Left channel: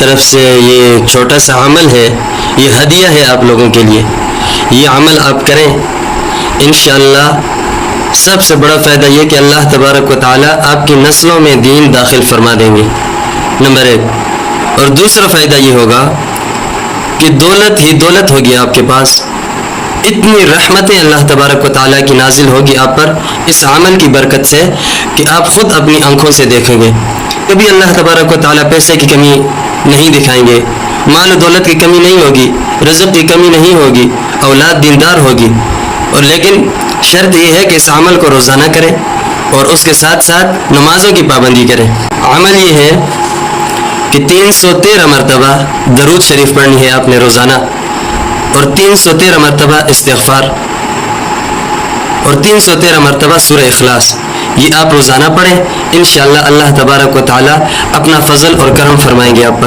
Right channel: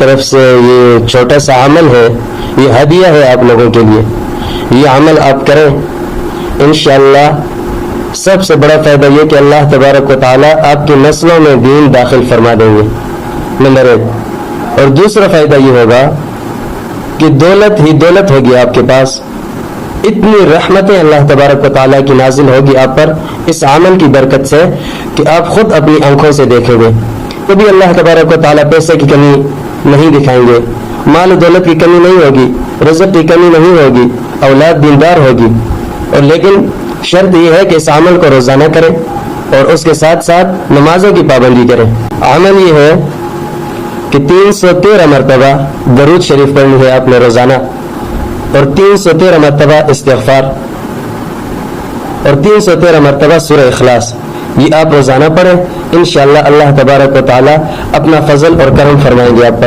طرف سے یہ چھوٹا سا عمل ہے، یہ ہدیہ ہے آپ لوگوں کے لیے. یہ عمل آپ کریں انشاءاللہ. سب سے بڑا فائدہ یہ کہ اللہ تبارک و تعالیٰ آپ کی نسلوں میں دین داخل فرما دیں گے، نمبر 1. اور دوسرا فائدہ یہ ہوگا کہ دولت ہی دولت ہوگی آپ کے پاس. اتنی رحمتیں اللہ تبارک و تعالیٰ کی نازل ہوگی آپ پر اس عمل کی برکت سے کہ آپ خود اپنی آنکھوں سے دیکھو گے. کبھی اللہ تبارک و تعالیٰ پیسے کی کمی نہیں دکھائیں گے، مال و دولت کی کمی نہیں ہوگی، رزق کی کمی نہیں ہوگی، اولاد دیندار ہوگی. اور لیکن شرط یہ ہے کہ اس عمل کو روزانہ کریں اور اس کے ساتھ ساتھ نمازوں کی پابندی کریں. عمل یہ ہے کہ 313 مرتبہ درود شریف پڑھنی ہے آپ نے روزانہ، اور 313 مرتبہ استغفار، اور 313 مرتبہ سورہ اخلاص. یہ آپ روزانہ پڑھیں انشاءاللہ. اللہ تبارک و تعالیٰ اپنا فضل اور کرم فرمائیں گے آپ پر.